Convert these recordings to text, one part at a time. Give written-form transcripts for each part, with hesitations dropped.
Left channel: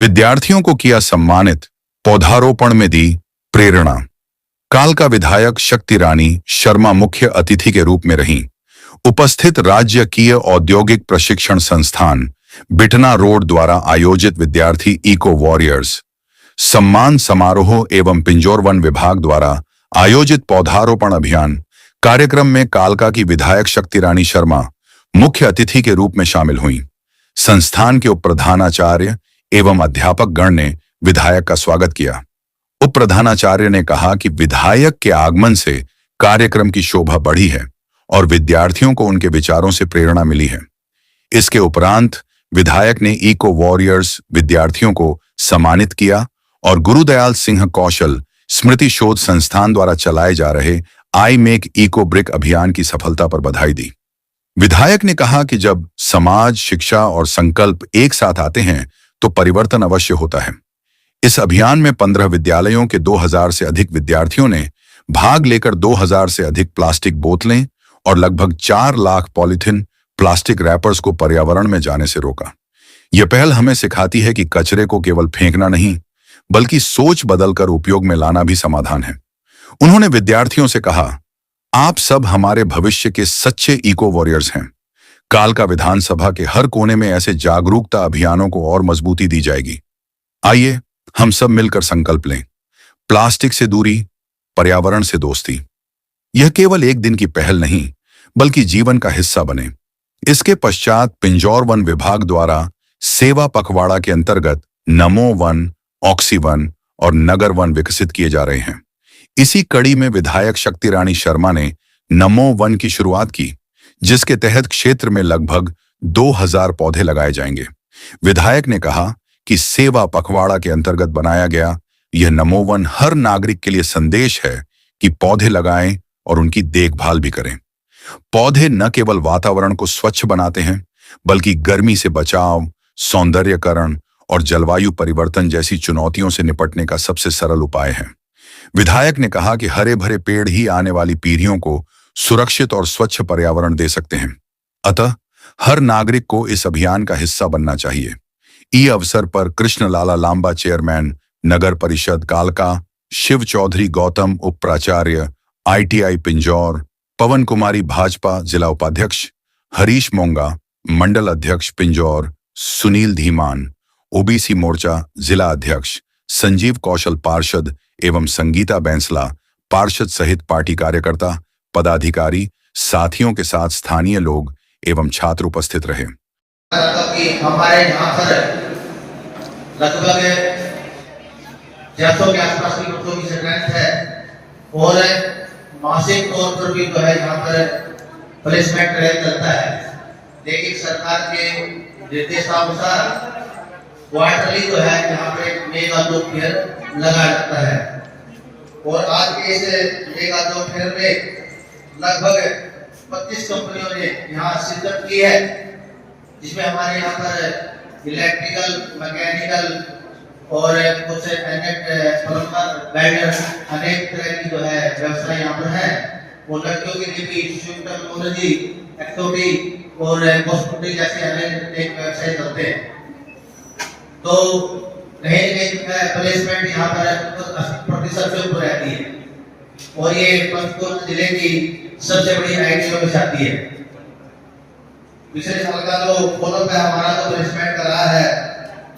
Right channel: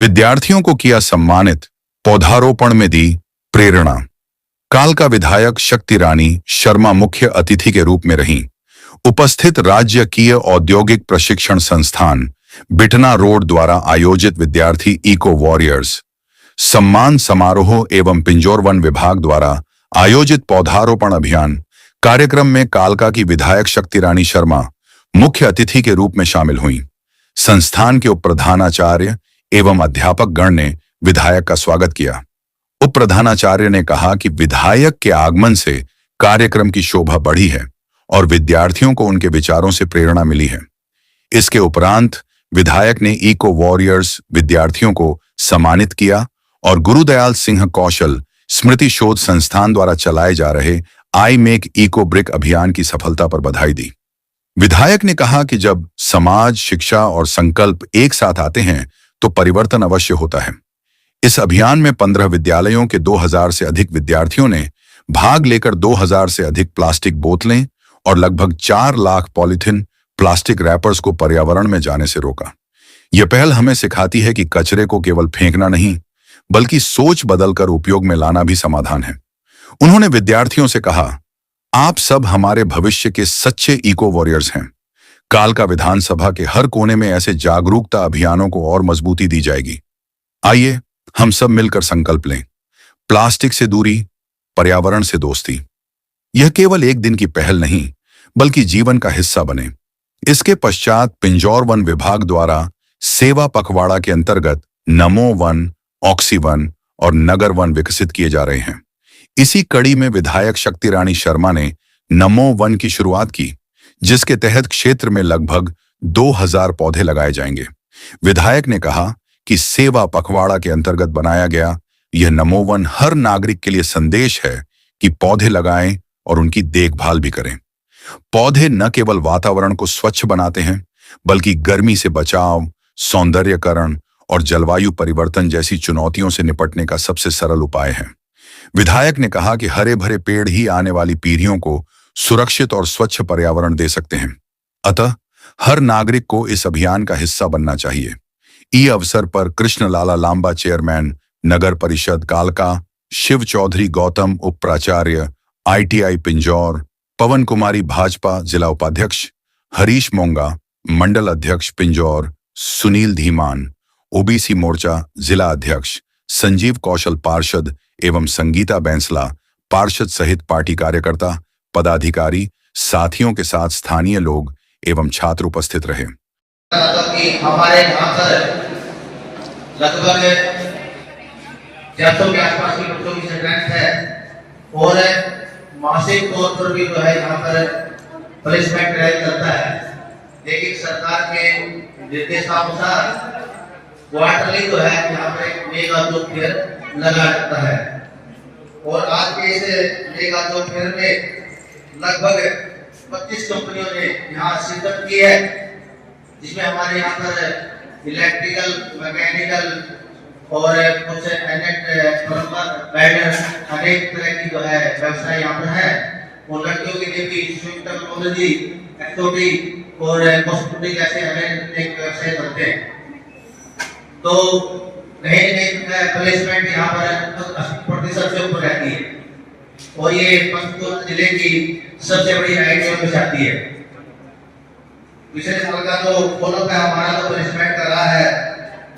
विद्यार्थियों को किया सम्मानित, पौधारोपण में दी प्रेरणा। कालका विधायक शक्ति रानी शर्मा मुख्य अतिथि के रूप में रहीं। उपस्थित राजकीय औद्योगिक प्रशिक्षण संस्थान बिटना रोड द्वारा आयोजित विद्यार्थी इको वॉरियर्स सम्मान समारोह एवं पिंजौर वन विभाग द्वारा आयोजित पौधारोपण अभियान कार्यक्रम में कालका की विधायक शक्ति रानी शर्मा मुख्य अतिथि के रूप में शामिल हुईं। संस्थान के उप प्रधानाचार्य एवं अध्यापक गण ने विधायक का स्वागत किया। उप प्रधानाचार्य ने कहा कि विधायक के आगमन से कार्यक्रम की शोभा बढ़ी है और विद्यार्थियों को उनके विचारों से प्रेरणा मिली है। इसके उपरांत विधायक ने इको वॉरियर्स विद्यार्थियों को सम्मानित किया और गुरुदयाल सिंह कौशल स्मृति शोध संस्थान द्वारा चलाए जा रहे आई मेक इको ब्रिक अभियान की सफलता पर बधाई दी। विधायक ने कहा कि जब समाज, शिक्षा और संकल्प एक साथ आते हैं तो परिवर्तन अवश्य होता है। इस अभियान में 15 विद्यालयों के 2000 से अधिक विद्यार्थियों ने भाग लेकर 2000 से अधिक प्लास्टिक बोतलें और लगभग 4 लाख पॉलीथिन प्लास्टिक रैपर्स को पर्यावरण में जाने से रोका। यह पहल हमें सिखाती है कि कचरे को केवल फेंकना नहीं, बल्कि सोच बदलकर उपयोग में लाना भी समाधान है। उन्होंने विद्यार्थियों से कहा, आप सब हमारे भविष्य के सच्चे इको वॉरियर्स हैं। कालका विधानसभा के हर कोने में ऐसे जागरूकता अभियानों को और मजबूती दी जाएगी। आइए हम सब मिलकर संकल्प लें, प्लास्टिक से दूरी, पर्यावरण से दोस्ती। यह केवल एक दिन की पहल नहीं, बल्कि जीवन का हिस्सा बने। इसके पश्चात पिंजौर वन विभाग द्वारा सेवा पखवाड़ा के अंतर्गत नमो वन, ऑक्सी वन और नगर वन विकसित किए जा रहे हैं। इसी कड़ी में विधायक शक्ति रानी शर्मा ने नमो वन की शुरुआत की, जिसके तहत क्षेत्र में लगभग 2000 पौधे लगाए जाएंगे। विधायक ने कहा कि सेवा पखवाड़ा के अंतर्गत बनाया गया यह नमो वन हर नागरिक के लिए संदेश है कि पौधे लगाएं और उनकी देखभाल भी करें। पौधे न केवल वातावरण को स्वच्छ बनाते हैं, बल्कि गर्मी से बचाव, सौंदर्यकरण और जलवायु परिवर्तन जैसी चुनौतियों से निपटने का सबसे सरल उपाय है। विधायक ने कहा कि हरे भरे पेड़ ही आने वाली पीढ़ियों को सुरक्षित और स्वच्छ पर्यावरण दे सकते हैं। अतः हर नागरिक को इस अभियान का हिस्सा बनना चाहिए। इस अवसर पर कृष्ण लाला लांबा चेयरमैन नगर परिषद कालका, शिव चौधरी गौतम उप प्राचार्य ITI पिंजौर, पवन कुमारी भाजपा जिला उपाध्यक्ष, हरीश मोंगा मंडल अध्यक्ष पिंजौर, सुनील धीमान OBC मोर्चा जिला अध्यक्ष, संजीव कौशल पार्षद एवं संगीता बैंसला पार्षद सहित पार्टी कार्यकर्ता, पदाधिकारी, साथियों के साथ स्थानीय लोग एवं छात्र उपस्थित रहे। हमारे यहाँ पर लगभग 600 के आसपास की बच्चों की स्ट्रेंथ है और मासिक तौर पर भी जो है यहाँ पर प्लेसमेंट चलता है। लेकिन सरकार के निर्देशानुसार क्वार्टरली जो है यहाँ पे मेगा जॉब फेयर लगा रहता है और आज के इस मेगा जॉब फेयर में लगभग 25 कंपनियों ने यहाँ शिरकत की है, जिसमें हमारे यहाँ पर इलेक्ट्रिकल, मैकेनिकल और कुछ अनेक तरह की जो है व्यवसाय यहाँ पर है। और लड़कियों के लिए भी टेक्नोलॉजी, एक्टिविटी और हॉस्पिटल जैसे अनेक व्यवसाय चलते हैं। तो प्लेसमेंट यहाँ पर 80% से ऊपर रहती है और ये पंचकुला जिले की सबसे बड़ी आईटीआई में जाती है। पिछले साल का जो फॉलो का हमारा जो प्लेसमेंट कर रहा है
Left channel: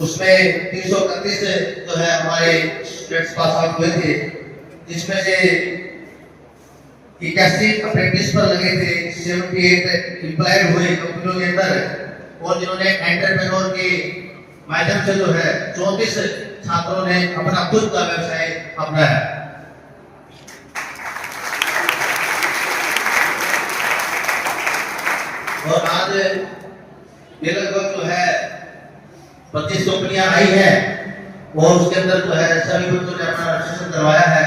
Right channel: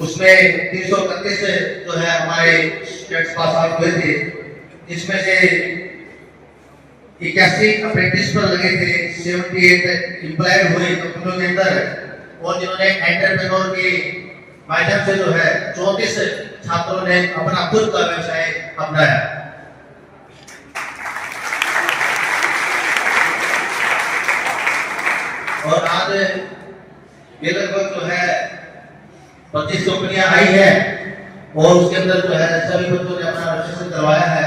उसमें 331 जो है हमारे स्टूडेंट्स पास आउट हुए थे, जिसमें से 81 अप्रेंटिस पर लगे थे, 78 एम्प्लॉय हुए कंपनियों के अंदर और जिन्होंने एंटरप्रेन्योर के माध्यम से जो है 34 छात्रों ने अपना खुद का व्यवसाय अपनाया। और आज ये लगभग जो है 25 कंपनियां आई है और उसके अंदर जो है सभी बच्चों ने अपना रजिस्ट्रेशन करवाया है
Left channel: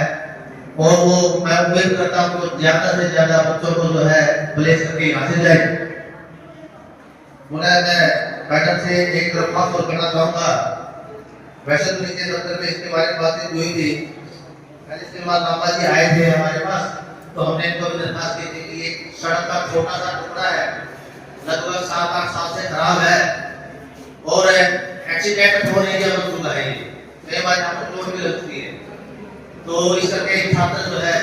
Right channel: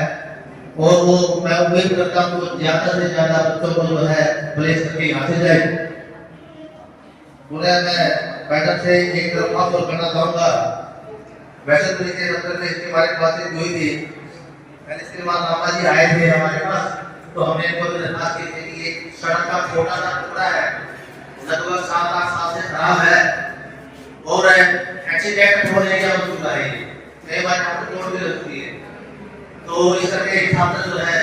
और वो मैं उम्मीद करता हूँ कि ज्यादा से ज्यादा बच्चों को जो है प्लेस करके यहाँ से जाए। मैं मैडम से एक दरख्वास्त और करना चाहूँगा। वैसे तो नीचे दफ्तर में इसके बारे में बातें हुई थी, पहले इसके बाद रामा जी आए थे हमारे पास, तो हमने इनको दरख्वास्त की थी कि एक सड़क का छोटा सा टुकड़ा है, लगभग 7-8 साल से खराब है और एक्सीडेंट होने का तो इस तरह के छात्र जो है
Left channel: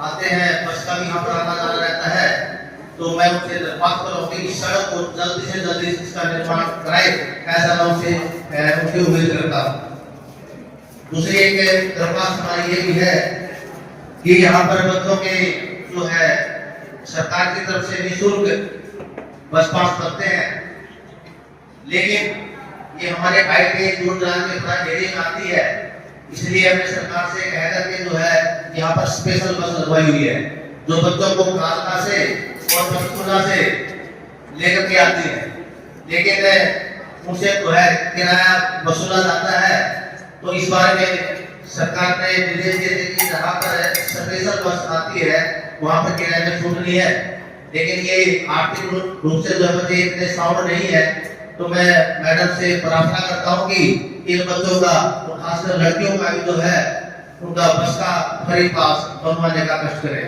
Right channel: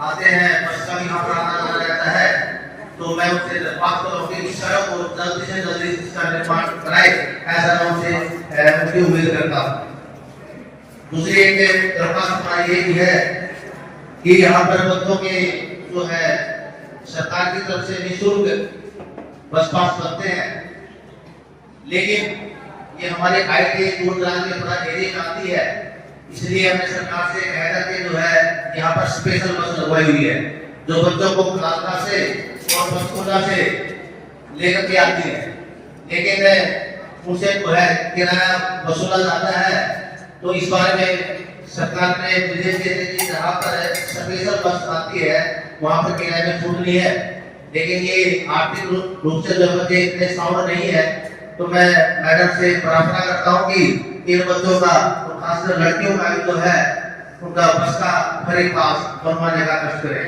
आते हैं, बस का भी यहाँ पर आना जाना रहता है, तो मैं उनसे बात करूँ कि इस सड़क को जल्दी से जल्दी इसका निर्माण कराए, ऐसा मैं उनसे उनकी उम्मीद करता हूँ। दूसरी एक दरख्वास्त ये भी है कि यहाँ पर बच्चों के जो है सरकार की तरफ से निःशुल्क बस पास करते हैं, लेकिन ये हमारे गाइड के दूर दराज के थोड़ा एरिया में आती है, इसलिए हमने सरकार से कह करके जो है यहाँ पर स्पेशल बस लगवाई हुई है, जो बच्चों को कालका से और पंचकुला से लेकर के आती है, लेकिन उनसे जो है किराया वसूला जाता है। तो इस बार में सरकार ने निर्देश दिए थे कि जहाँ पर स्पेशल बस आती है वहाँ पर किराए में छूट नहीं है, लेकिन ये आर्थिक रूप से जो बच्चे इतने साउंड नहीं है, तो मैं मैडम से प्रार्थना करता हूँ कि इन बच्चों का, तो खासकर लड़कियों का भी जो है उनका बस का खरीद बनवाने का कष्ट करें।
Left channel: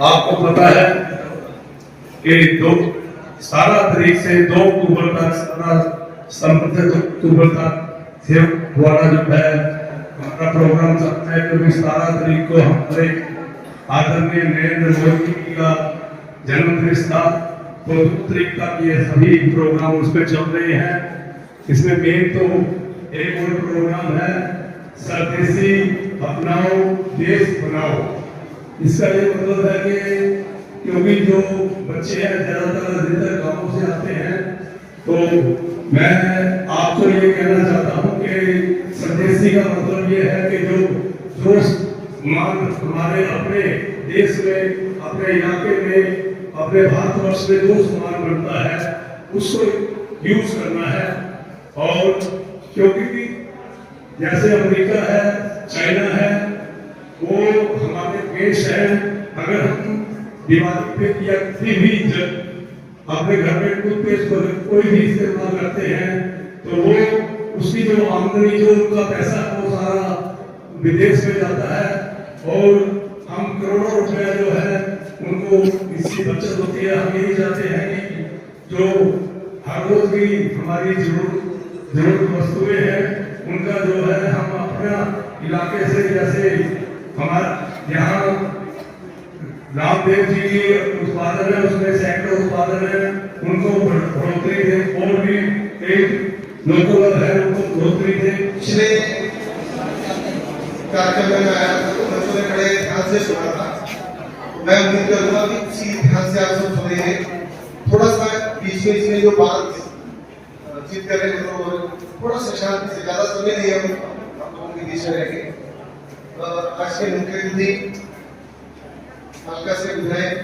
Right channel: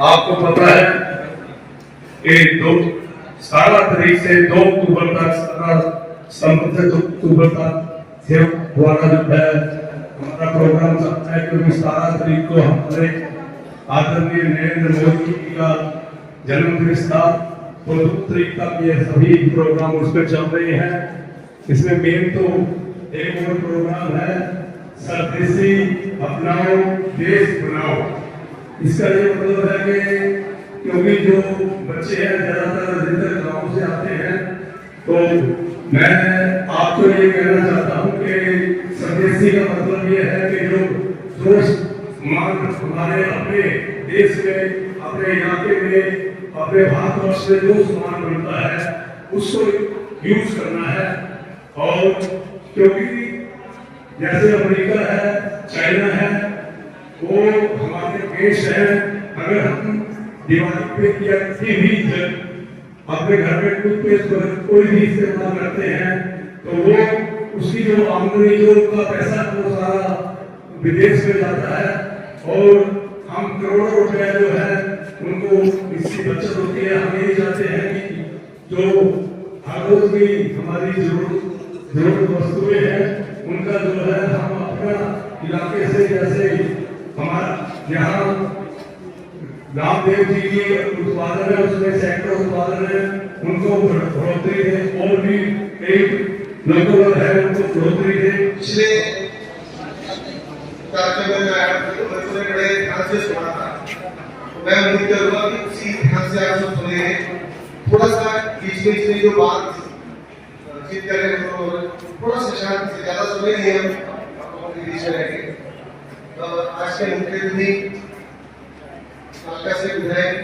आपको पता है कि 17 तारीख से 2 अक्टूबर तक 17 अक्टूबर तक सिर्फ हमारा जो है हमारा प्रोग्राम चलता है, क्योंकि 17 तारीख को हमारे आदरणीय नरेंद्र मोदी जी का जन्मदिन था, तो 2 तारीख तक ये सभी प्रोग्राम उस पर चल रहे हैं। इसमें मेन तो एक और प्रोग्राम है स्वदेशी अपनाओ देश बनाओ। इसका ये मतलब है कि क्योंकि जो बच्चे हैं ज्यादातर अधिकतर गाँव से आते हैं, तो मैं आपको ये कहना चाहता हूँ कि स्वदेशी का मतलब ये है कि जो हमारे अपने देश में, अपने इलाके में, अपने भारतवर्ष में जो सामान बनता है उसको यूज करना है। और क्योंकि जैसे अमेरिका है, चाइना है, वो हमारे देश है, अगर हम दिवाली पे किया किसी भी अपने घर में टूथपेस्ट कोई भी इस्तेमाल करते हैं, तो वो उसकी जो आमदनी, जो उनका पैसा है, वो सारा विदेश में जाता है, और हम करोड़ों रुपए जो है उनको इसकी बचत होती है। हम यही चाहते हैं कि जो हर रोज की हमारी जरूरत वस्तुएं हैं, उनका जो है हम अपना इलाके से, जैसे हमारा यहाँ रामदेव जी की उत्पादन है, उसमें सेक्टर उत्पादन है, उनको बढ़ोतरी दे, और भी एक लोकल है उनको बढ़ोतरी दे। पिछले कार्यक्रम में आया बच्चों ने बड़े ध्यान से सुना था, मैं उम्मीद करूंगा कि उसी ध्यान से आप सब सुनेंगे। थोड़ा सा बीच में जो बात जीत करें तो थोड़ा सा शांत से ज्यादा सुने नहीं, हम आपको बीच में रहेंगे। तो आज के मुख्य अतिथि कालका से विधायक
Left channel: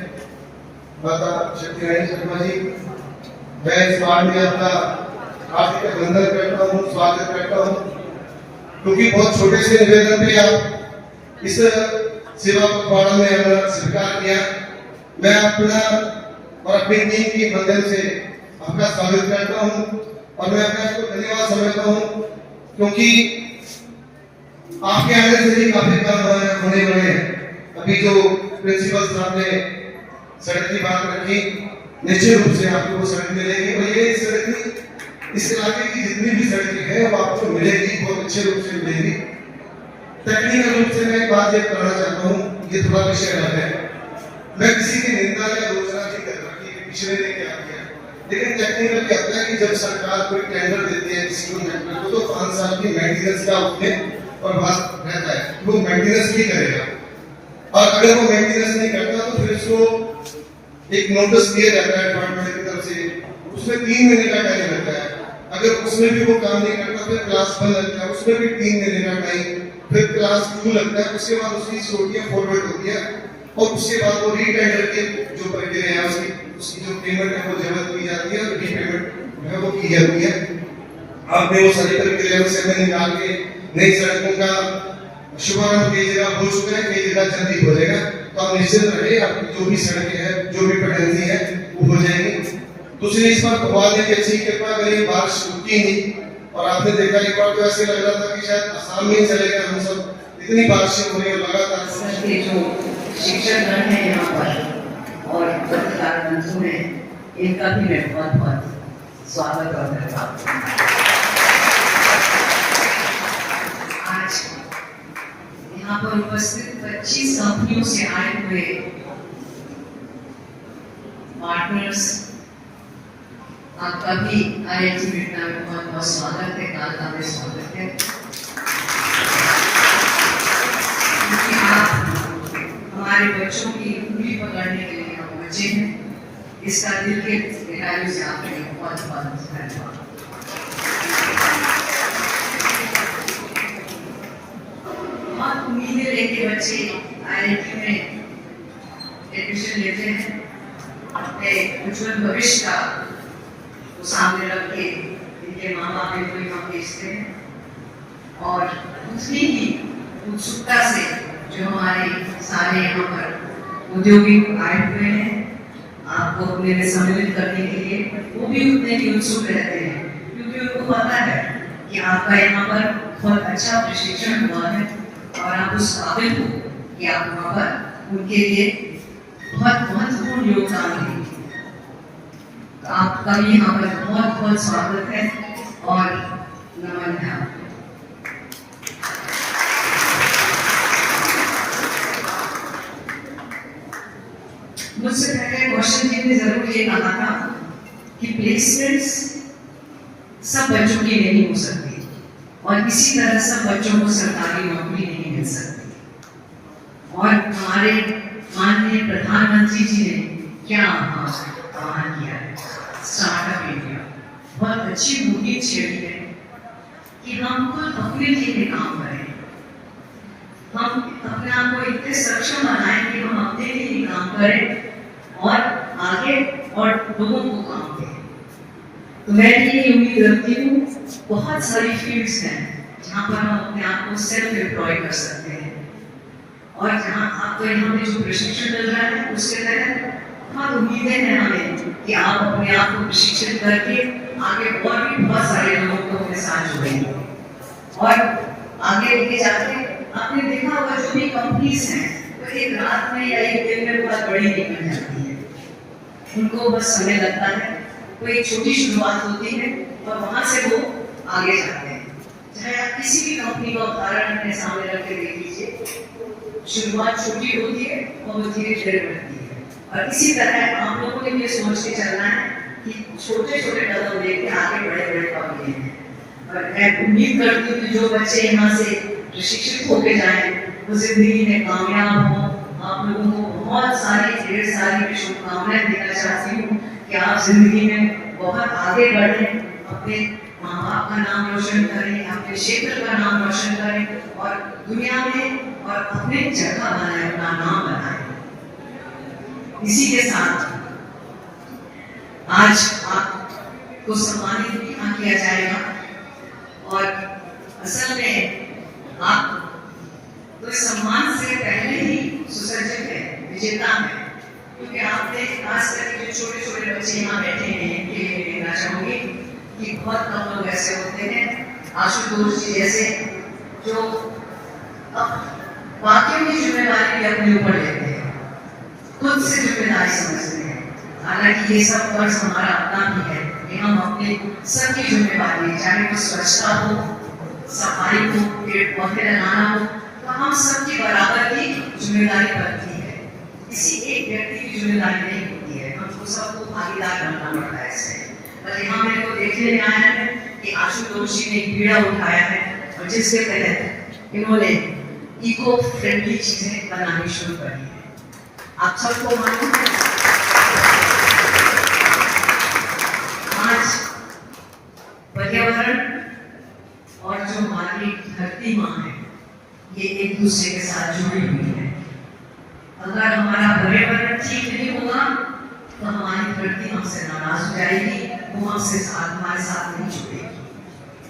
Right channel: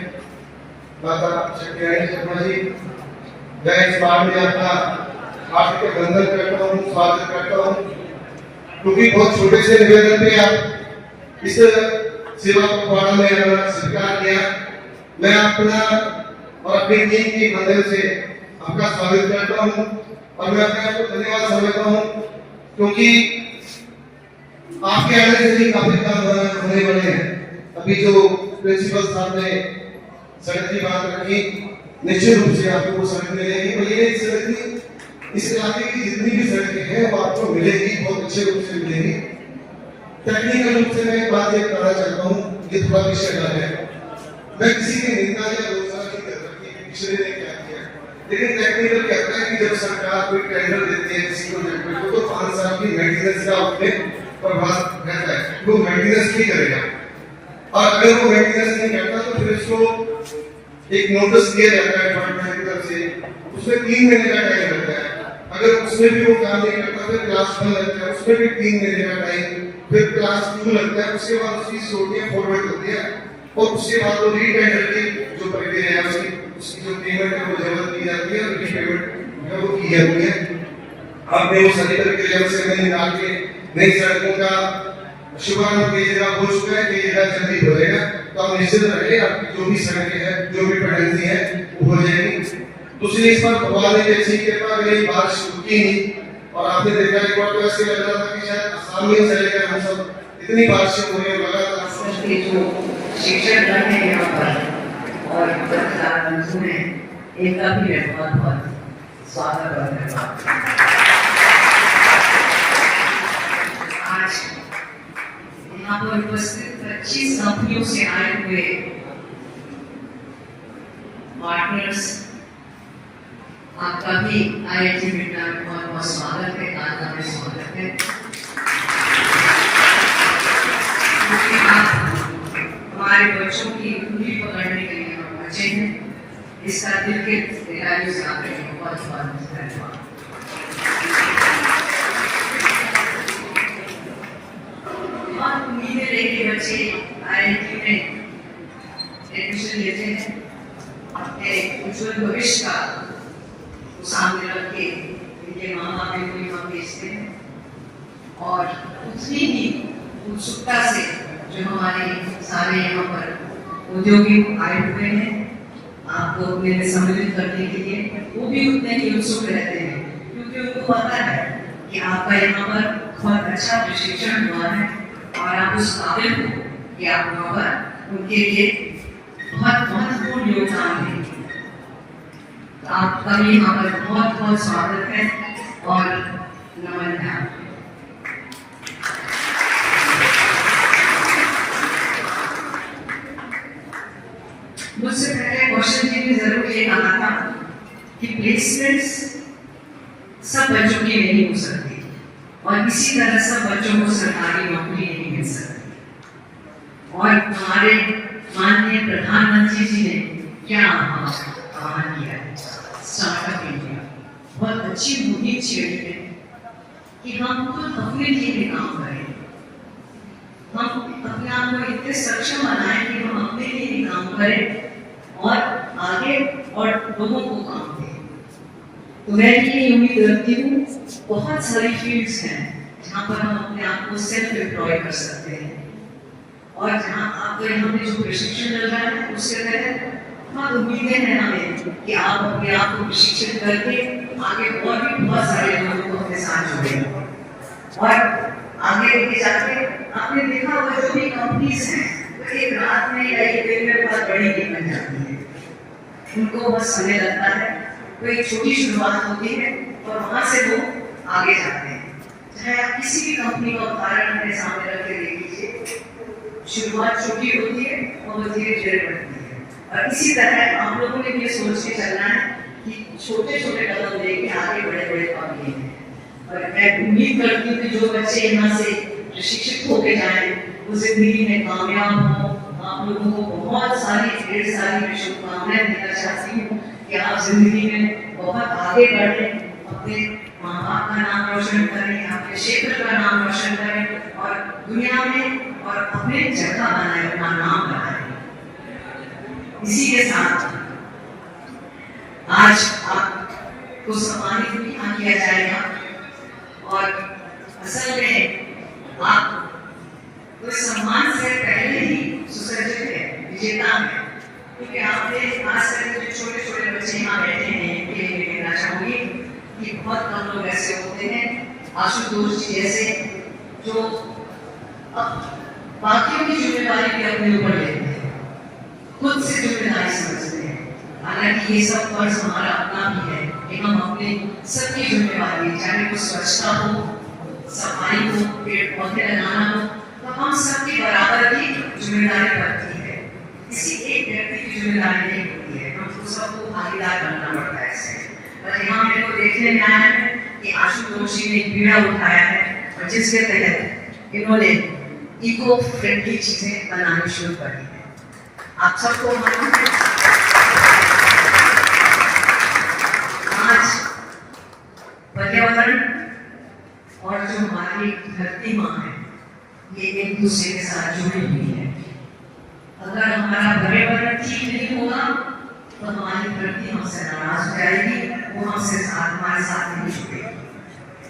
माता शक्तिरानी शर्मा जी, मैं इस बार में आपका हार्दिक अभिनंदन करता हूँ, स्वागत करता हूँ, क्योंकि बहुत छोटे से निवेदन पे आप इस सेवा पखवाड़ा में स्वीकार किया। मैं अपना और अपनी टीम की मदद से आपका स्वागत करता हूँ, और मैं अपने आपको धन्यवाद समझता हूँ, क्योंकि आपके आने से भी काफी काम होने वाले हैं। अभी जो प्रिंसिपल साहब ने सड़क की बात रखी, निश्चित रूप से आपको वो सड़क मिलेगी, और ये सड़क नहीं, इस इलाके की जितनी भी सड़कें हैं वो आपको मिलेगी, बहुत अच्छे रूप से मिलेगी। टेक्निकल रूप से मैं एक बात ये कहना चाहता हूँ, ये थोड़ा विषय अलग है, मैं किसी की निंदा या आलोचना नहीं कर रहा कि पिछले ने क्या किया, लेकिन टेक्निकल कहता है कि जब सरकार कोई टेंडर देती है किसी को ट्रैक्टर को, तो 5 साल की मेंटेनेंस का उसमें प्रभाव रहता है, वो मेंटेनेंस नहीं करेगा, और अगर वो मेंटेनेंस नहीं करता तो फिर उसको एक नोटिस दिया जाता है डिपार्टमेंट की तरफ से, उसमें 3 महीने का टाइम लगता है। अगर उसमें भी वो काम नहीं करता फिर क्लास 1 लगता है, उसमें भी 3 महीने का टाइम, फिर क्लास 2 लगता है, उसके बाद उसकी छोटियां फॉरवर्ड होती है, और उसके बाद वो रीटेंडर की जो प्रक्रिया है उसकी जो पेमेंट है वो जमा की जाती है, और रीपेमेंट है वो की जाती है। आपने वो सभी प्रक्रिया से मैंने निकाल के नई सड़कों का शुभारंभ कई जगह हो चुका है, कई जगह जल्दी हो जाएगा, तो आप निश्चित रहिए आपकी जो भी सड़कें हैं, जो भी पेडेंसी है वो हो जाएगी। दूसरी इस बार भगवान ने अच्छी कृपा करी, बारिश रुकी नहीं, और आपने देखा एक बार तो ऐसे लग रहा था कि शायद आसाम में चलेगा, हम सब इतनी बारिशें हो रही है लगातार। के जो शिक्षकगण हैं यहाँ पर और पत्रकार बंधु हैं, इनका भी मैं बहुत बहुत स्वागत और धन्यवाद। आज यहाँ पर उपस्थित 25 कंपनियों से आए हुए पार्टनर्स, आपका भी IIT बिरला में बहुत बहुत स्वागत है, कालका में स्वागत है। क्योंकि आप हमारे बच्चों की उंगली पकड़ने के लिए हम बचे हैं, इसका दिल के गहराइयों से आपके लिए बहुत बहुत धन्यवाद। बहुत उम्मीदें लेके बच्चे IIT में एडमिशन लेते हैं, अपने उज्जवल भविष्य का सामने रख के इनके माँ बाप को यहाँ भेजते हैं और उतनी ही उत्सुकता से जो हमारे सारे यहाँ पर औद्योगिक आए हुए हैं आपको अपने में सम्मिलित करने के लिए, वो भी उतने ही उत्सुक रहते हैं, क्योंकि उनको पता है कि आपका यहाँ पर बहुत अच्छा प्रशिक्षण हुआ है और आप उस काबिल हो कि आप वहाँ पर उनके लिए बहुत महत्वपूर्ण योगदान दें। आपका भी यहाँ पर बहुत बहुत स्वागत है और नमन है। मुझसे पहले क्वेश्चन जी ने जरूर ये कहा था कि प्लेसमेंट्स सब बच्चों की नहीं हो सकती और इसी तरह सब बच्चों को सरकारी नौकरी नहीं मिल सकती। और हमारे माननीय प्रधानमंत्री जी ने क्या आह्वान किया है, स्टार्टअप इंडिया, बहुत अच्छी मुहिम छेड़ी है कि हम खुद अपने लिए भी काम करें, हम अपने आप को इतने सक्षम बनाएं कि हम अपने लिए भी काम करें और आगे और लोगों को काम दें। तो मैं ये उम्मीद रखती हूँ, बहुत सारी फील्ड्स हैं जहाँ पर हम अपने आप को सेल्फ एम्प्लॉय कर सकते हैं और जहाँ आपको यहाँ पे जो प्रशिक्षण मिल रहा है उसके तहत बहुत उम्मीदें हैं हमें कि आप अपने आप को प्रशिक्षित करके आगे और भी बहुत सारे लोगों को अपने साथ जुड़ेंगे और आगे लेके जाके आपने देखा होगा जो भी कंपनीज हैं तो एक रात में या एक दिन में बहुत बड़ी नहीं बन जाती है, उनको बस समय लगता है। तो एक छोटी शुरुआत होती है और वहां से वो आगे जाते हैं। चाहे आप किसी भी कंपनी का उदाहरण अपने सामने रख के देख लीजिए, शुरुआत छोटी होती है और वो धीरे धीरे बढ़ती है। और इसी तरह आप लोगों ने ये सोच के चलना है कि छोटे छोटे कदम लेके आगे बड़े बड़े काम लिए हैं। और मैं उम्मीद करती हूँ कि जो बच्चे यहाँ से प्रशिक्षित होके जाएं वो जिंदगी में कामयाब हो। आप लोगों को बहुत सारी ढेर सारी शुभकामनाएं देना चाहती हूँ कि आप जिंदगी में बहुत आगे बढ़ें, अपने माँ बाप का नाम रोशन करें, अपने क्षेत्र का नाम रोशन करें और दुनिया में और अपने जगह बनाए, अपना नाम बनाए। इसी के साथ आज आपको सम्मानित भी किया जाएगा और असल में आप तो सम्मान से पहले ही सुसज्जित है, विजेता है, क्योंकि आपने खास करके जो छोटे छोटे बच्चे यहाँ बैठे हैं इनके लिए कहना चाहूंगी कि बहुत कम लोग ऐसे होते हैं आशुतोष जी जैसे जो बाकियों की जिम्मेदारी भी अपने ऊपर लेते हैं, खुद से जिम्मेदारी समझते हैं। हालांकि ये सब फर्ज हमारा अपना भी है कि हम अपने सबकी जिम्मेदारी, चाहे वो स्वच्छता हो, सफाई हो, पेड़ पौधे लगाना हो, तो हम सबकी बराबर की जिम्मेदारी बनती है। किसी एक व्यक्ति की जिम्मेदारी नहीं होती है, हमको सबको भागीदार बनना पड़ता है इससे। पर यहाँ मेरे को देखने में आया है कि आशुतोष जी ने एक बीड़ा उठाया है और जिसके तहत इन्होंने इको फ्रेंडली चीजें बनानी शुरू करी है। आप सबको मालूम है आज पर्यावरण और जो हमारी धरती माँ है ये एक दूसरे के साथ जुड़ी हुई है। अगर हमारा पर्यावरण ठीक नहीं होगा तो हमारी धरती हमसे नाराज हो जाएगी, वो हमसे साथ हमारे साथ नहीं जुड़ेगी।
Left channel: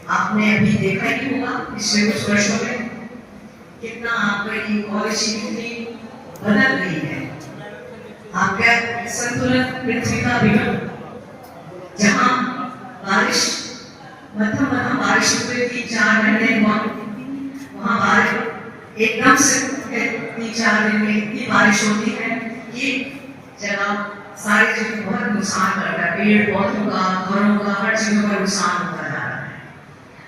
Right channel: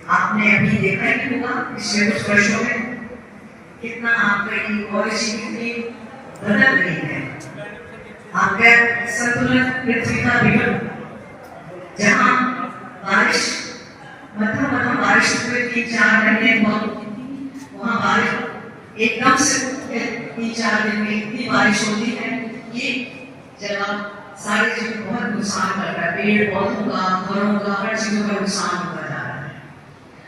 आपने अभी देखा ही होगा पिछले कुछ वर्षों में कितना आपका इकोलॉजी कितनी बदल रही है। आपका संतुलन पृथ्वी का बिगड़, जहाँ बारिश मध्यम बारिश हुई 3-4 महीने वहाँ बारिश एकदम से 3-4 दिन में इतनी बारिश होती है कि जगह सारी चीजों को बहुत नुकसान करता है, पेड़ पौधों का, घरों का, हर चीजों का नुकसान होता जा रहा है।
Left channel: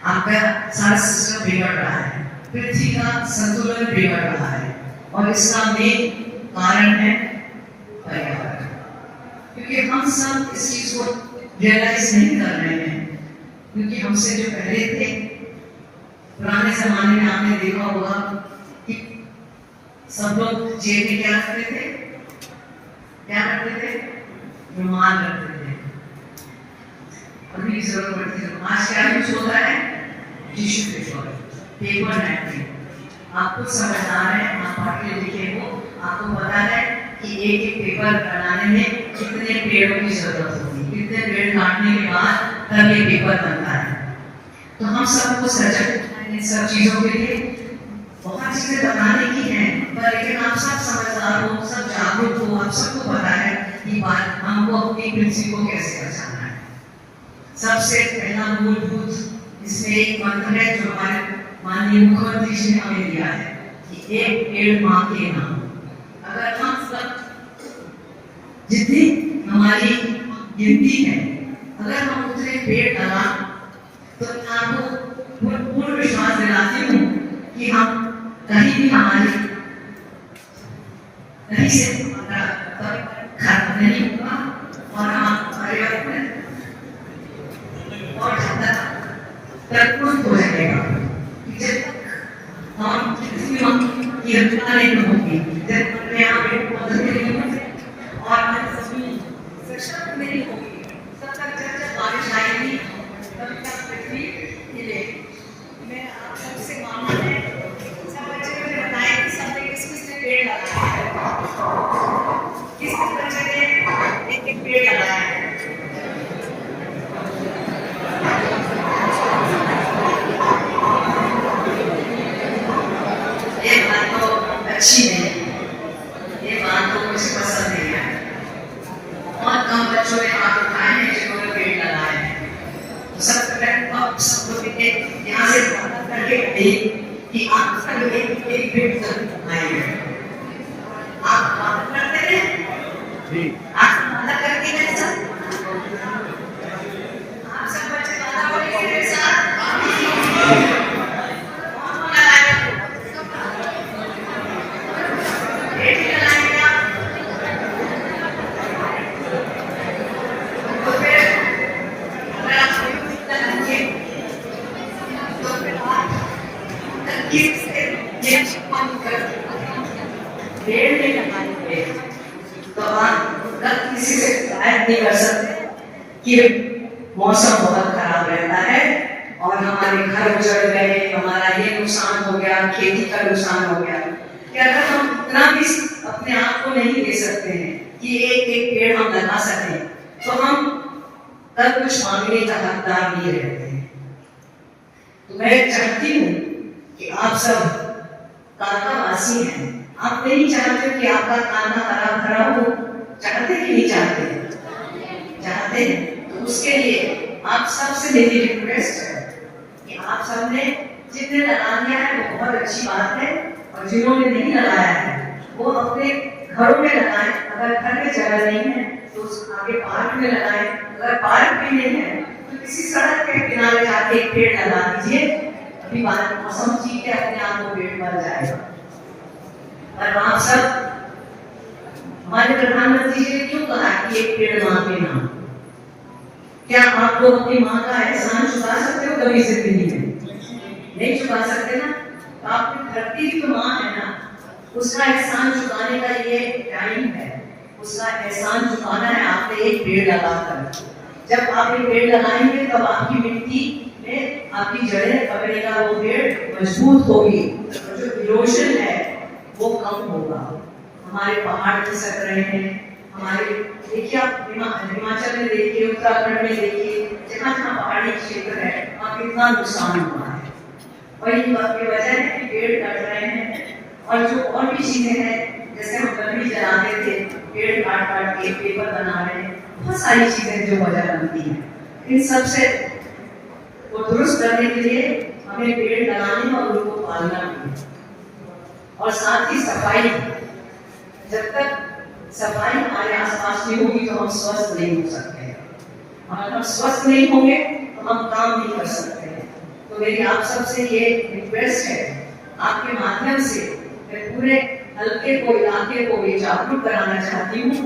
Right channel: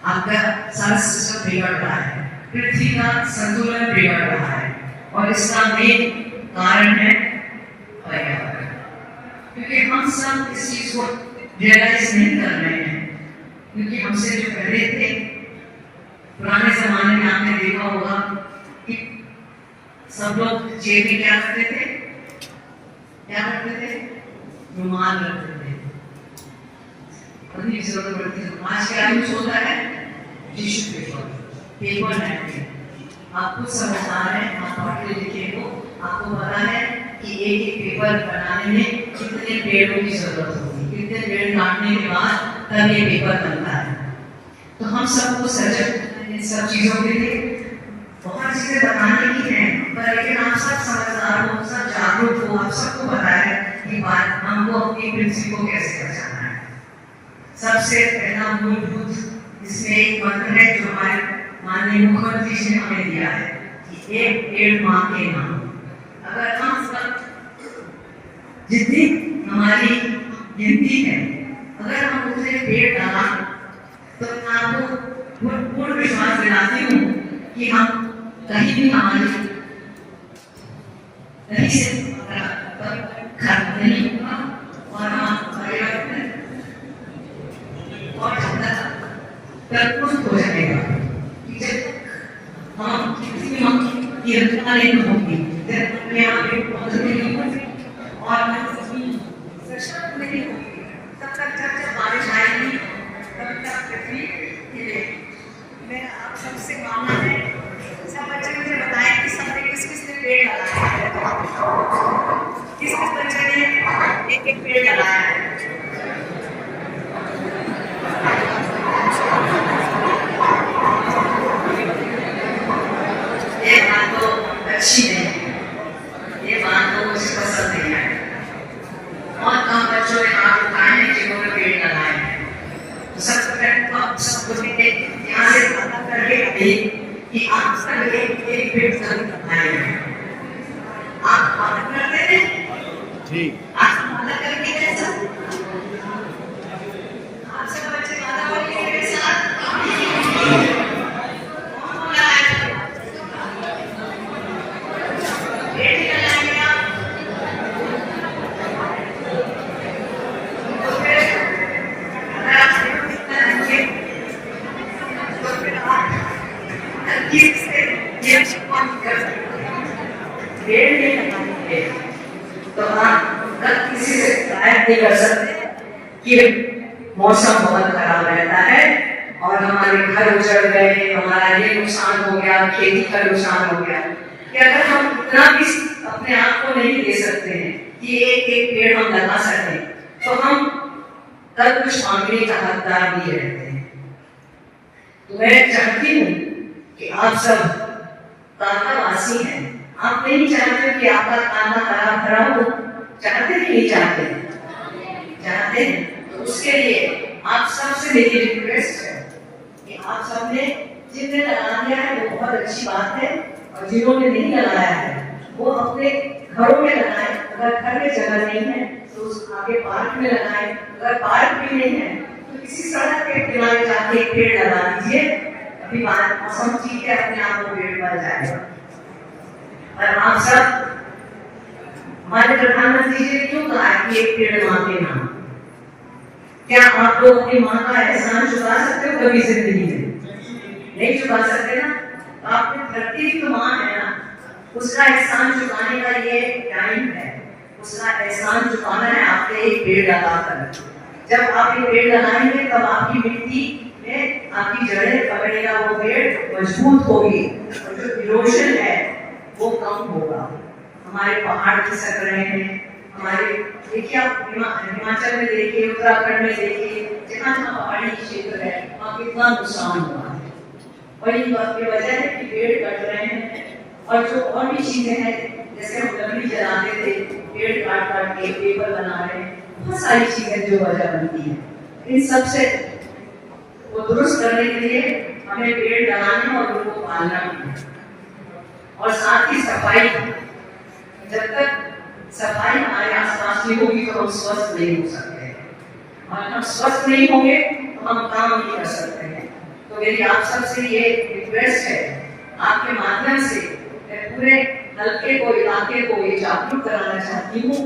आपका सारा सिस्टम बिगड़ रहा है, पृथ्वी का संतुलन बिगड़ रहा है और इसका मेन कारण है पर्यावरण। क्योंकि हम सब इस चीज को रियलाइज नहीं कर रहे हैं, क्योंकि हमसे जो पहले थे, पुराने जमाने में आपने देखा होगा कि सब लोग जेब में क्या रखते थे, क्या रखते थे, रुमाल रखते थे, अपनी जरूरत पड़ती थी। आज क्या यूज होता है, टिश्यू पेपर, पेपर नैपकिन। आप खुद समझदार हैं, आप पढ़े लिखे हो, आपको पता है कि एक पेपर बनाने में कितने पेड़ों की जरूरत होती है, कितने पेड़ काटने के बाद तब ये पेपर बनता है। तो हम सबको सजग इन सब चीजों के लिए बहुत चीजें बताने की हैं, पर लेकिन आप सब समझदार हो, सब जागरूक हो, आप सबको पता है कि बात हमको अपनी पृथ्वी को कैसे बचाना है। सबसे पहला मूलभूत इसमें एक मंत्र है जो हमारे माननीय मुख्यमंत्री जी ने हमें दिया है कि एक पेड़ मां के नाम। अगर हम सब जितनी हमारी गिनती है, अगर हम उतने पेड़ लगा तो मैं आपको पूर्ण विश्वास दिलाती हूँ कि हम कहीं भी हमारी नहीं से खत्म नहीं होगा और हम पर्यावरण और ज्यादा प्रकृत हो जाएगा। जब तक हम की रचना नहीं होगी, जब तक मैं यहाँ पे पौधे नहीं होंगे और हमारी जमीन सशक्त नहीं होगी, तब तक जब बारिश आएगी तब तक पृथ्वी हिलेगी। मैं आप सबसे मानना है, सब बच्चे मुझे बताएं कि सबने किस-किस ने पेड़ लगाया है, किस-किस बच्चे ने एक-एक पेड़ लगाया है। ये बात तो अच्छी नहीं है, ये बात तो मुझे पसंद नहीं है। बहुत कम बच्चों ने हाथ उठाए हैं जिन्होंने पेड़ लगाए हैं। तो सबसे पहले आप सबको यहाँ से पता करके कि आप सब एक पेड़ जरूर लगाएंगे। आप बात करते हैं जी, आप बात करके मेरे साथ, आप सब बच्चे बात करेंगे मेरे साथ। कौन लगाएगा पेड़ लगाएंगे आप? तो फिर अगर आप पेड़ लगाएंगे तो फिर आप तरकीब से ये शिकवा नहीं कर सकते। पेड़ नहीं लगाएंगे तो आप कल किसी से शिकायत नहीं कर सकते कि मौसम बहुत खराब रहता है और हमारे घर उजड़ गए, हमारा ये नुकसान हो गया, खेती का नुकसान हो गया। कि अगर हम इतना भी अपने आप को नहीं दे सकते हैं कि एक एक पेड़ हम लगा सकें, तो हम तब कुछ मांगने का हकदार नहीं रहते हैं। तो मैं चाहती हूँ कि आप सब कांकावासी हैं, आप नहीं चाहते कि आपका कांका हरा भरा हो, चाहते कि नहीं चाहते? चाहते हैं। तो उसके लिए आप सबसे मेरी रिक्वेस्ट है कि आप सबने जितने लगा दिया है वो बहुत अच्छी बात है, और जिन्होंने नहीं लगाया है वो अपने घरों में लगाएं। अगर घर में जगह नहीं है तो उस आगे पार्क में लगाएं, अगर पार्क भी नहीं है तो किसी सड़क के किनारे जाके एक पेड़ लगा दीजिए। अभी मौसम ठीक है, अपने आप को पेड़ बन जाएगा। और आप सब, हमारे प्रधानमंत्री जी ने क्यों कहा कि एक पेड़ मां के नाम? क्या आप लोग अपनी माँ का एहसान चुका सकते हो कभी जिंदगी में? नहीं चुका सकते ना। तो आपकी धरती की तो माँ है ना, उसका एहसान चुकाने का ये टाइम है, उसका एहसान चुकाना है आपने एक पेड़ लगाकर। जब आप एक पेड़ लगाएंगे तब आपकी मिट्टी में आपकी जड़ें पकड़ेगा, वो पेड़ मजबूत होगी और जो इरोजन है वो कम होगा। हमारे पहाड़ खिसक रहे हैं, हमारे देखिए आप हिमाचल में देखिए, उत्तराखंड में देखिए, जहाँ जहाँ पहाड़ी क्षेत्र है वहाँ कितना नुकसान हुआ है। और ये बात की वजह है कि पेड़ कट रहे हैं, और जो और भी चीजें हैं जैसे हम लकड़ी जलाते थे, पेड़ काट काट के पेपर बना रहे हैं, बहुत सारी चीजें जो वजह बनती हैं। इन सब से वो दुरुस्त करने के लिए हमें पेड़ लगाने और उनको पालना है। और साथ ही सफाई। जब तक सफाई हमारे आसपास की होगी तो हम स्वस्थ नहीं हो सकते हैं, और हम स्वस्थ नहीं होंगे तो हम काम नहीं कर सकते हैं। तो मेरी आप सबसे ये रिक्वेस्ट है, आपके माध्यम से मैं पूरे हल्के को, इलाके को ये जागरूक कराना चाहती हूँ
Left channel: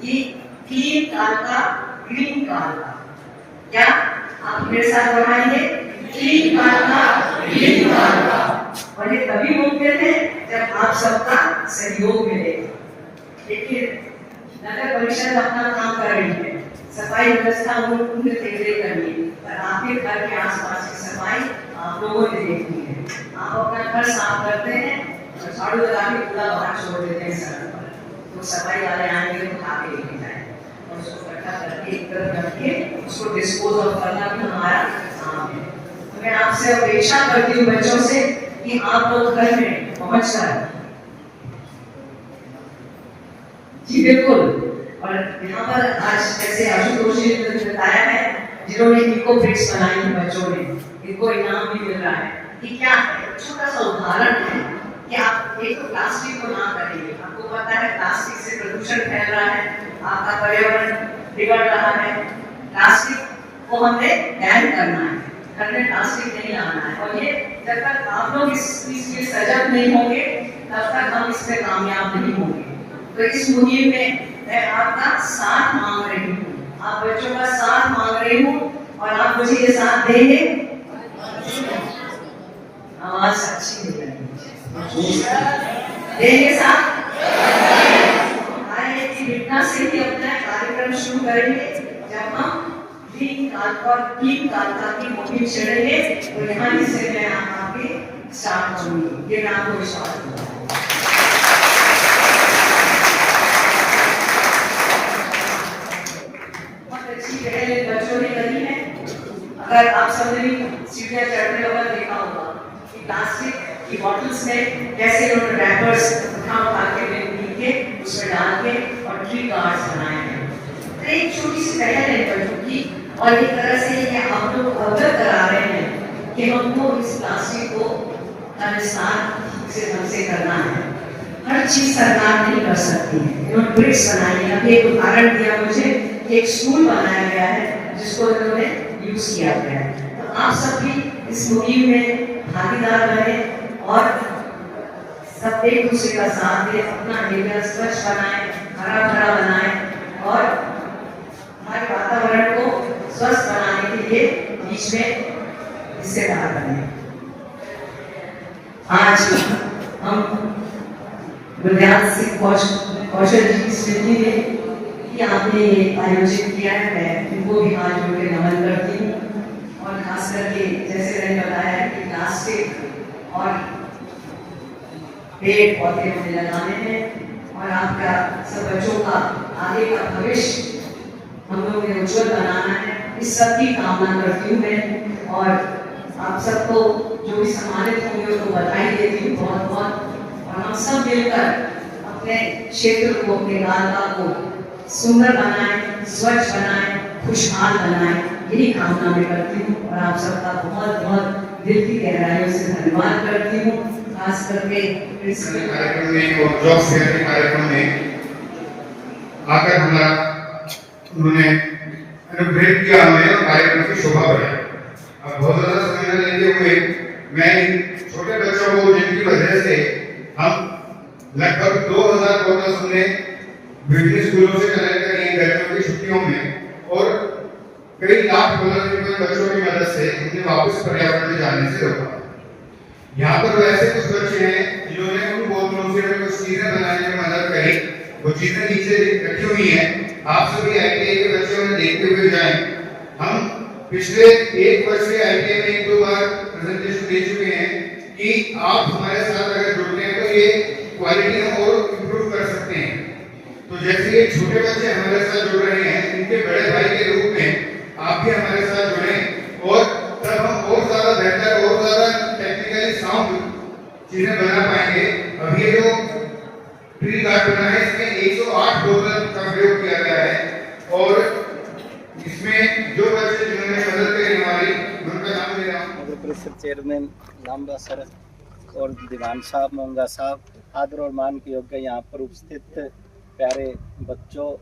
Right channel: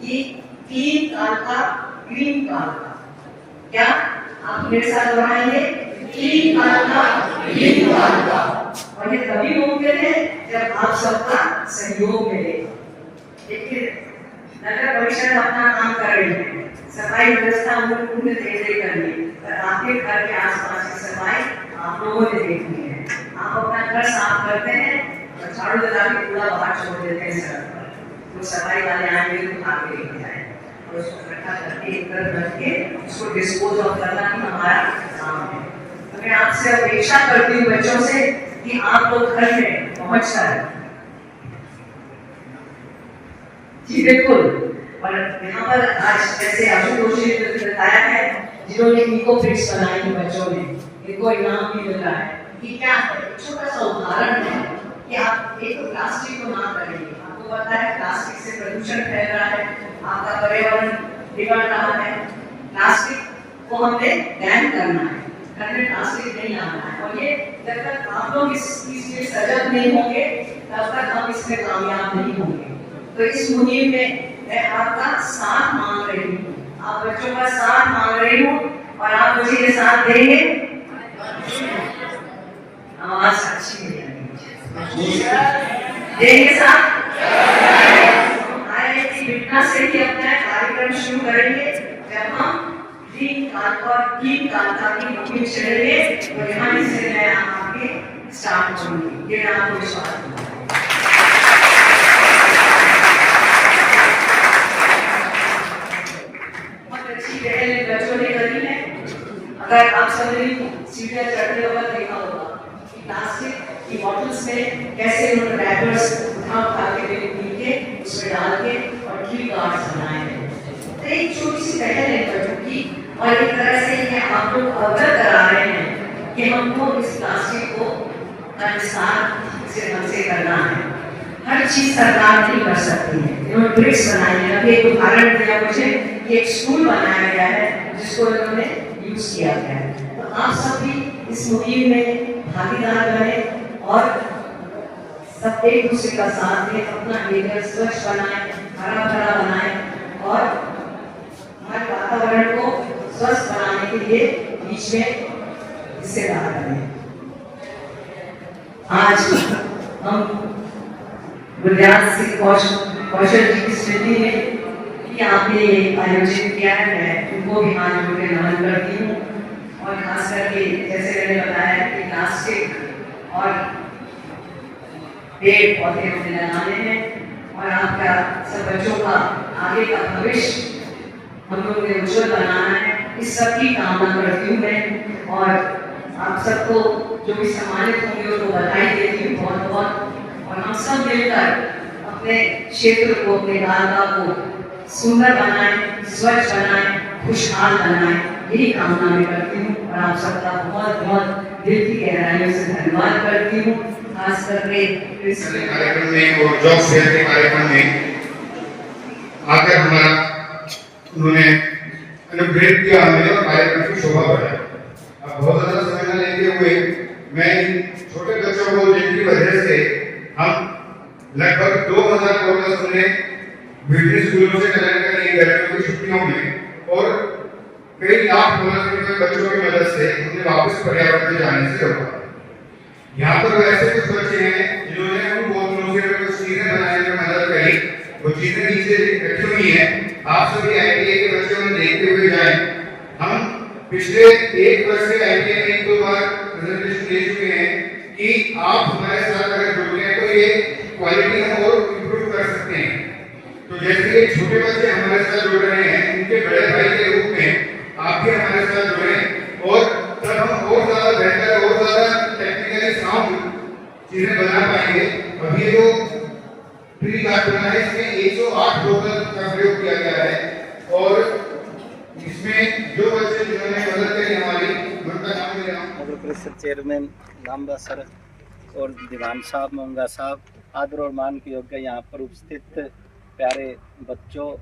कि क्लीन कालका ग्रीन कालका। क्या आप मेरे साथ दोहराइए, क्लीन कालका ग्रीन कालका। और ये तभी मुमकिन है जब आप सबका सहयोग मिले। देखिए, नगर परिषद अपना काम कर रही है, सफाई व्यवस्था पूर्ण तेजी करनी है, पर आपके घर के आसपास की सफाई आप लोगों ने देखनी है। आप अपना घर साफ करते हैं और झाड़ू लगा के कूड़ा बाहर छोड़ देते हैं सड़क पर, तो सफाई वाले आएंगे तो उठा के लेके जाएंगे और उसको इकट्ठा करके एक तरफ रख के उसको डिस्पोज ऑफ करना भी हमारा काम है। तो मैं आपसे अपेक्षा करती हूँ बच्चों से कि आप लोग घर में पहुंच कर, जी बिल्कुल। और यहाँ पर आज जैसे आशुतोष जी ने बताया है, जिन्होंने इको ब्रिक्स बनाई हैं बच्चों ने, इनको इनाम भी मिल रहा है कि क्या है, छोटा सा उदाहरण है कि आप एक तो प्लास्टिक को ना करेंगे। आपको पता है प्लास्टिक से प्रदूषण फैल रहा है, आपका पर्यावरण बिगड़ रहा है। प्लास्टिक को हमने बैन करना है, घर में प्लास्टिक नहीं लाना है। और ये जब तक आप लोग इस चीज के सजग नहीं होंगे तब तक हम इसमें कामयाब नहीं होंगे। तो इस मुहिम में मैं आपका साथ मांग रही हूँ, आप बच्चों का साथ मांग रही हूँ, और आप मुझे ये साथ देंगे। आवाज अच्छी नहीं देंगे साथ। IIT बिटना से ही अपना कार्यक्रम शुरू करेंगे। जब हम ग्रीन कालका की मुहिम चलेंगे तो यहाँ से मैं आपके स्टार्ट करूंगी, ये आपको विश्वास दूंगा। बच्चों ने करी है, अगर आप सबने सीढ़ियां चढ़ते वक्त देखा होगा कि प्लास्टिक की बॉटल्स में कैसे उन्होंने रैपर्स उठा के उसमें डाल के और ट्री गार्ड्स बनाए हैं। तो एक छोटी सी पहल है बच्चों की, और एक तरह से ये आप लोग अवगत करा रहे हैं कि हमको इस प्लास्टिक को ढंग से करना है। हर चीज सरकार नहीं कर सकती है। इन्होंने ब्रिक्स बनाई है, अभी एक उदाहरण दिया मुझे, एक स्कूल बनाया गया है जिसको इन्होंने यूज किया गया है। तो आप सब भी इस मुहिम में भागीदार बने और सब एक दूसरे का साथ दें, अपना एरिया स्वच्छ बनाएं, हरा भरा बनाएं और हमारे वातावरण को स्वस्थ बनाने के लिए बीच में हिस्सेदार बने। आज हम गुरदास सिंह कौशल जी की स्मृति में आपने आयोजित किया है, मैं उनको भी हाथ जोड़ के नमन करती हूँ। और खास करके जैसे मैंने बताया कि प्लास्टिक और पेड़ पौधे हमें लगाने हैं और आपका सब बच्चों का आगे का भविष्य हम लोगों ने उज्जवल बनाना है, इस सब की कामना करती हूँ मैं। और आप सबको जो भी सम्मानित होंगे उनको बधाई देती हूँ बहुत बहुत। और हम सब मिलकर अपने क्षेत्र को, अपने इलाका को सुंदर बनाएं, स्वच्छ बनाएं, खुशहाल बनाएं, यही कामना मैं करती हूँ। और आप सबका बहुत बहुत दिल की गहराइयों से धन्यवाद करती हूँ। खास करके कार्यक्रम में और जॉब फेयर के कार्यक्रम में आकर हमारा उन्होंने अनुग्रहित किया, हमें कार्यक्रम की शोभा बढ़ाई। अब बहुत ज्यादा समय न लेते हुए मैं इन छोटे बच्चों को, जिनकी वजह से हम लगभग 2000 बोतल हमने विभिन्न स्कूलों से कलेक्ट करी गर्मियों की छुट्टियों में, और कई लाख बोतल बच्चों की मदद से उन्हें वापस पर्यावरण में जाने से रोका। यहाँ पर वैसे कुछ बच्चे हैं जिन्होंने उन बोतलों से कुछ चीजें बनाने में मदद करी, वो चीजें नीचे रखी हुई हैं। आप सभी IIT के बच्चों ने देखते हुए जाएं। हम पिछले एक वर्ष से IIT में एक दो बार प्रेजेंटेशन दे चुके हैं कि आप हमारे साथ अगर जुड़ते हैं तो ये क्वालिटी हम और इम्प्रूव कर सकते हैं। तो जैसे ये छोटे बच्चे हमारे साथ जुड़ रहे हैं, इनके बड़े भाई के रूप में आप भी हमारे साथ जुड़ें, और तब हम और ज्यादा बेहतर और ज्यादा टेक्निकली साउंड चीजें बना पाएंगे। अभी जो ट्री गार्ड बना है इसमें 108 बोतल का प्रयोग किया गया है, और इसमें जो बच्चे जिन्होंने मदद करी हमारी, उनका नाम ले रहा हूँ। नगर परिषद चेयरमैन लांबा सर और दीवान साहब, मोंगा साहब, आदर और मान के योग्य यहाँ पर उपस्थित प्यारे बच्चों,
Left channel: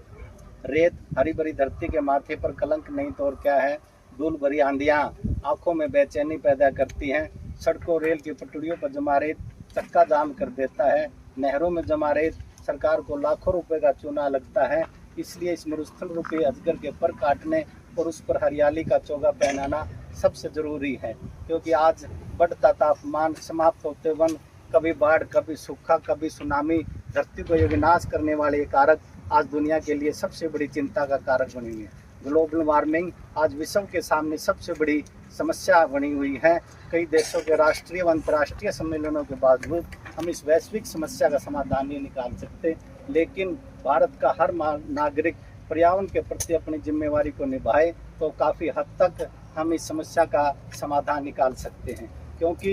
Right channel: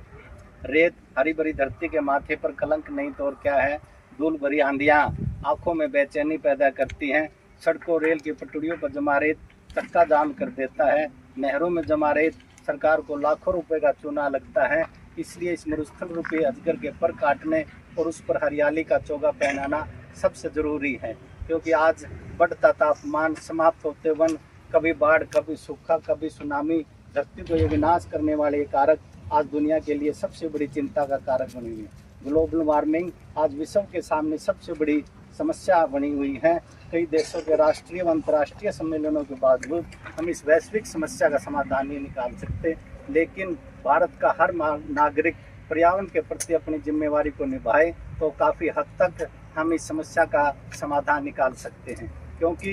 रेत हरी भरी धरती के माथे पर कलंक नहीं तो और क्या है। धूल भरी आंधियाँ आंखों में बेचैनी पैदा करती हैं। सड़कों रेल की पटरियों पर जमा रेत चक्का जाम कर देता है। नहरों में जमा रेत सरकार को लाखों रुपए का चूना लगता है। इसलिए इस मरुस्थल रूपी अजगर के पर काटने और उस पर हरियाली का चोगा पहनाना सबसे ज़रूरी है, क्योंकि आज बढ़ता तापमान, समाप्त होते वन, कभी बाढ़, कभी सूखा, कभी सुनामी, धरती को ये विनाश करने वाले ये कारक आज दुनिया के लिए सबसे बड़ी चिंता का कारक बनी हुई है। ग्लोबल वार्मिंग आज विश्व के सामने सबसे बड़ी समस्या बनी हुई है। कई देशों के राष्ट्रीय व अंतर्राष्ट्रीय सम्मेलनों के बावजूद हम इस वैश्विक समस्या का समाधान नहीं निकाल सकते, लेकिन भारत का हर नागरिक पर्यावरण के प्रति अपनी जिम्मेवारी को निभाए तो काफ़ी हद तक हम इस समस्या का समाधान निकाल सकते हैं। क्योंकि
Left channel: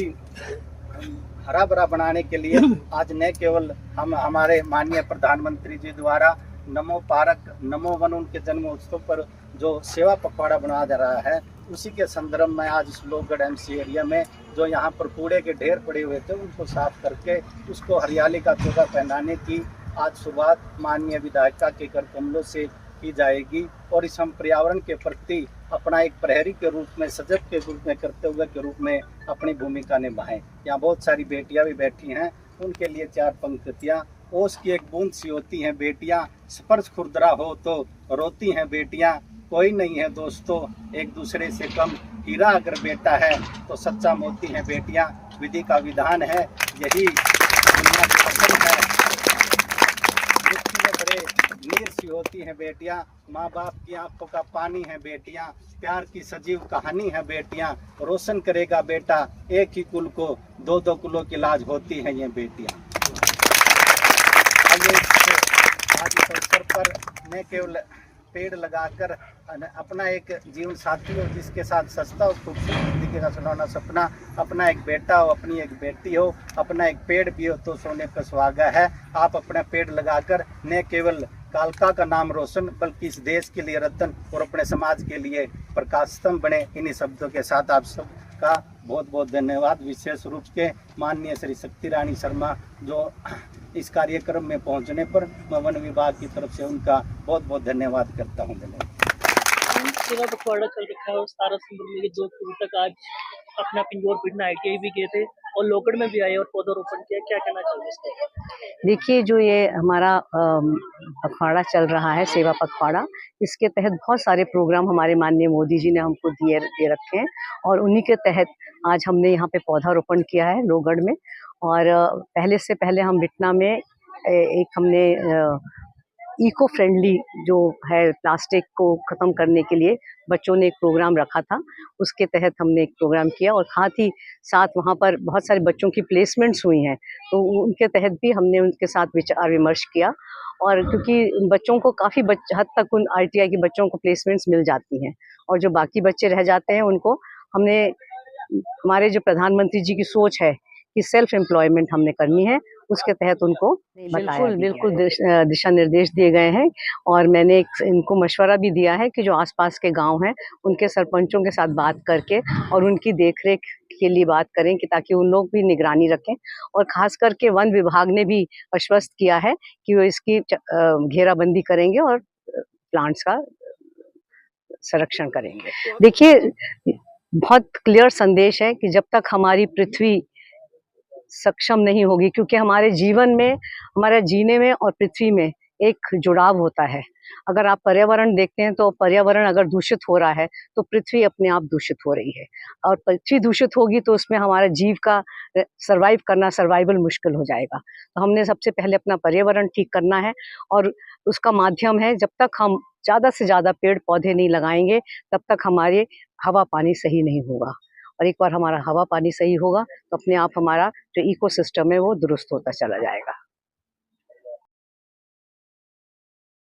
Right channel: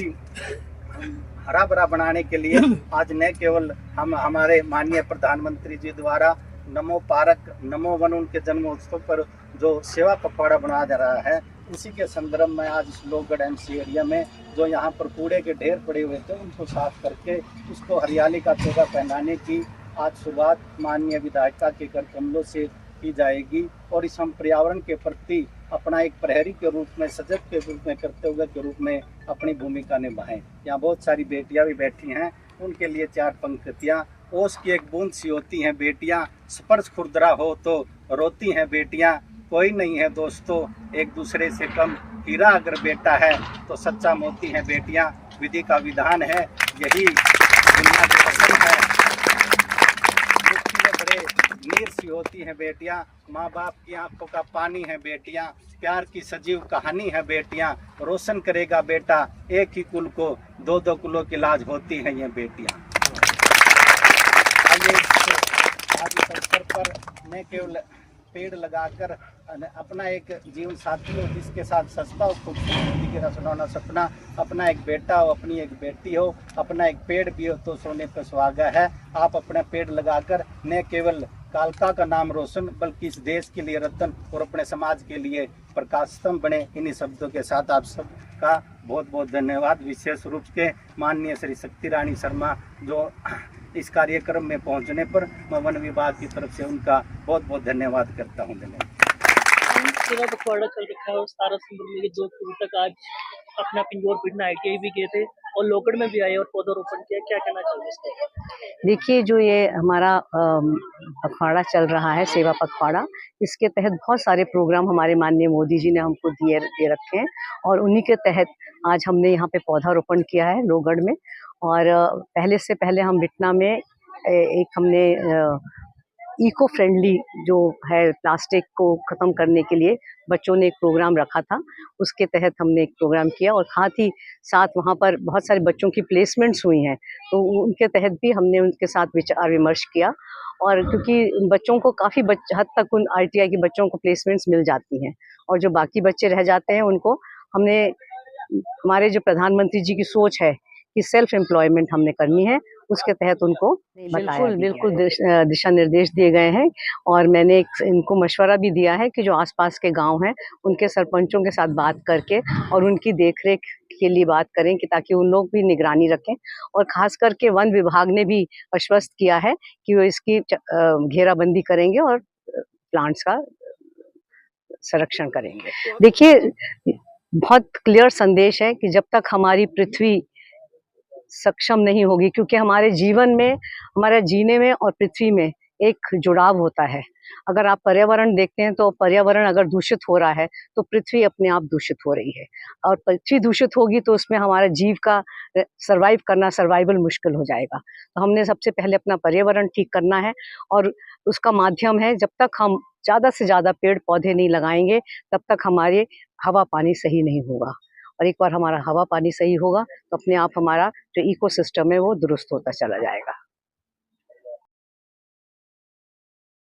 हरा भरा बनाने के लिए आज न केवल हम हमारे माननीय प्रधानमंत्री जी द्वारा नमो पार्क, नमो वन, उनके जन्मोत्सव पर जो सेवा पखवाड़ा बनाया जा रहा है, उसी के संदर्भ में आज इस लोहगढ़ एमसी एरिया में जो यहाँ पर कूड़े के ढेर पड़े हुए थे उनको साफ करके उसको हरियाली का चोगा पहनाने की आज शुरुआत माननीय विधायिका के कर कमलों से की जाएगी। और इस हम पर्यावरण के प्रति अपना एक प्रहरी के रूप में, सजग के रूप में, कर्तव्य के रूप में अपनी भूमिका निभाएं। यहाँ बहुत सारी बेटियां भी बैठी हैं, उनके लिए चार पंक्तियाँ। ओस की एक बूंद सी होती हैं बेटियां, स्पर्श खुरदरा हो तो रोती हैं बेटियां। कोई नहीं है दोस्तों एक दूसरे से कम, हीरा अगर बेटा है तो सच्चा मोती है बेटियां। विधि का विधान है, यही दुनिया की पसंद है। में बड़े नीर सी होती हैं बेटियां, माँ बाप की आंखों का पानी है बेटियां। प्यार की सजीव कहानी है बेटियां, रोशन करेगा बेटा एक ही कुल को, दो दो कुलों की लाज होती हैं ये बेटियां। आज इस अवसर पर न केवल पेड़ लगाकर अपना एक जीवन साथी हो जिसके साथ सस्ता हो, खूबसूरत जिंदगी का सुनौना सपना, अपना एक बेटा हो, अपनी एक बेटी हो, अपना एक पेड़ भी हो तो सोने पर सुहागा है। आप अपना पेड़ लगाकर न केवल कालका का नाम रोशन बल्कि इस देश के लिए रतन और अपने समाज के लिए प्रकाश स्तंभ बने। इन्हीं शब्दों के साथ आप सबका बहुत बहुत धन्यवाद। विशेष रूप से माननीय श्री शक्ति रानी शर्मा जो इस कार्यक्रम में पहुंचने पर मैं वन विभाग की तरफ से उनका बहुत बहुत धन्यवाद करता हूं। धन्यवाद। सेवा पखवाड़ा चल रखा है और 17 सितंबर में 2 अक्टूबर तक आज अपना पिंजौर पिंडा ITI भी गए थे और लोहगढ़ में भी आए और पौधारोपण किया। क्या कहना चाहोगे इस पर? देखिए, जो ये हमारा पखवाड़ा चल रहा है, सेवा पखवाड़ा, इसके तहत बहुत सारे प्रोग्राम हमारे माननीय मोदी जी ने हमको दे रखे हैं और उन्हीं के तहत आज हमने यहाँ पे पौधारोपण किया है लोहगढ़ में। और पहले हम बिटना में एक हमने इको फ्रेंडली जो है प्लास्टिक को ख़त्म करने के लिए बच्चों ने एक प्रोग्राम रखा था, उसके तहत हमने एक प्रोग्राम किया और साथ ही साथ वहाँ पर बहुत सारे बच्चों की प्लेसमेंट्स हुई हैं तो उनके तहत भी हमने उनके साथ विचार विमर्श किया। और क्योंकि बच्चों को काफ़ी हद तक उन ITI के बच्चों को प्लेसमेंट्स मिल जाती हैं और जो बाकी बच्चे रह जाते हैं उनको हमने, हमारे जो प्रधानमंत्री जी की सोच है कि सेल्फ एम्प्लॉयमेंट हमने करनी है, उसके तहत उनको बिल्कुल दिशा निर्देश दिए गए हैं। और मैंने इनको मशवरा भी दिया है कि जो आसपास के गांव हैं उनके सरपंचों के साथ बात करके और उनकी देखरेख के लिए बात करें कि ताकि उन लोग भी निगरानी रखें। और खास करके वन विभाग ने भी आश्वस्त किया है कि वो इसकी घेराबंदी करेंगे और प्लांट्स का संरक्षण करेंगे। देखिए, बहुत क्लियर संदेश है कि जब तक हमारी पृथ्वी सक्षम नहीं होगी, क्योंकि हमारे जीवन में, हमारे जीने में और पृथ्वी में एक जुड़ाव होता है। अगर आप पर्यावरण देखते हैं तो पर्यावरण अगर दूषित हो रहा है तो पृथ्वी अपने आप दूषित हो रही है और पृथ्वी दूषित होगी तो उसमें हमारा जीव का सर्वाइवल मुश्किल हो जाएगा। तो हमने सबसे पहले अपना पर्यावरण ठीक करना है और उसका माध्यम है, जब तक हम ज़्यादा से ज़्यादा पेड़ पौधे नहीं लगाएंगे तब तक हमारे हवा पानी सही नहीं होगा। और एक बार हमारा हवा पानी सही होगा तो अपने आप हमारा जो इकोसिस्टम है वो दुरुस्त होता चला जाएगा।